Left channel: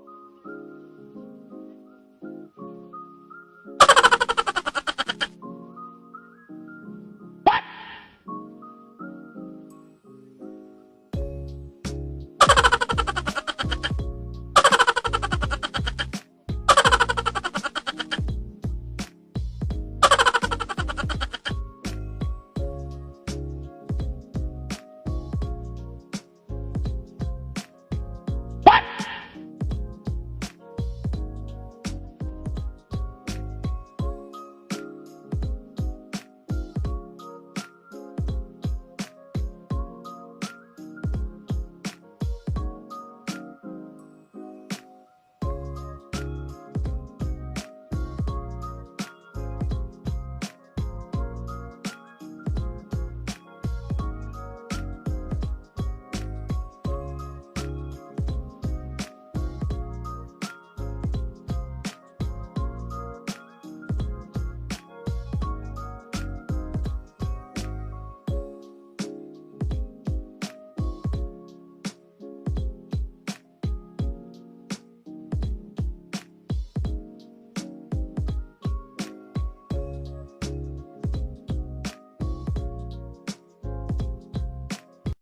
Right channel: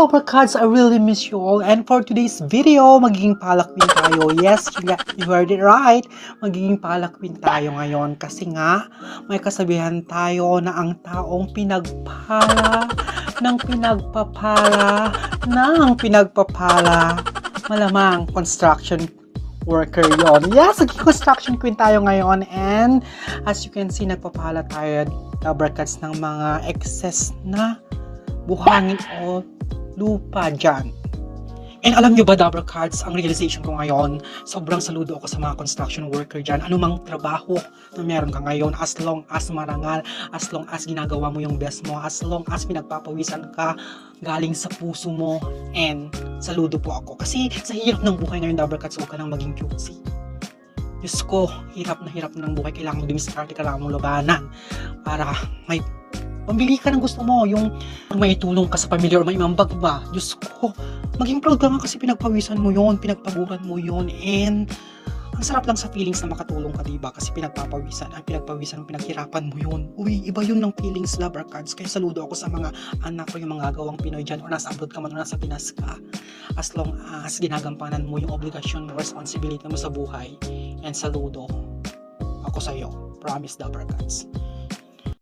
Dabber Cats, I really miss you all. And for today's video, magiging palakwin tayo. Yes, you heard it right. Magiging palakwin tayo ngayon. Kasi nga, may kasabihan tayo na ang taong pinagpala, malamang construction worker yon. Yes, construction queen tayo ngayon. And as you can see, nagpapala tayo, Dabber Cats, ng mga excess na buhangin o lupa dyan. And alam nyo ba, Dabber Cats, ang realization ko ngayon, sobrang saludo ako sa mga construction worker dyan. Anumang trabaho na meron ka ngayon, as long as marangal, as long as ginagawa mo yung best mo, as long as pinagpapawisan ka galing sa puso mo, and saludo po ako. Kasi sa hirap ng buhay ngayon, Dabber Cats, huwag ka nang maging cutesy. Diyos ko, hirap na ng buhay. Kailangan dumiskarte, kailangan mong labanan para may pambili ka ng gusto mo, yung may tulong ka sa pamilya or may imambag ba. Diyos ko, maging proud ka nga kasi pinagpawisan mo yun, pinagpaguran mo yun, and ang sarap lang sa feelings na makatulong ka, diba? Kasi pinagpapawisan, pinaghirapan mo yun. Uy, iba yun ng feelings, Dabber Cats. Kaya saludo ako sa mga anak ko, yung mga gawang Pinoy dyan, o nasa abroad ka man o nasa Pinas ka. As long as ginagampanan mo yung obligasyon, responsibility mo sa buhay, and saludo ako sa'yo. Promise, Dabber Cats.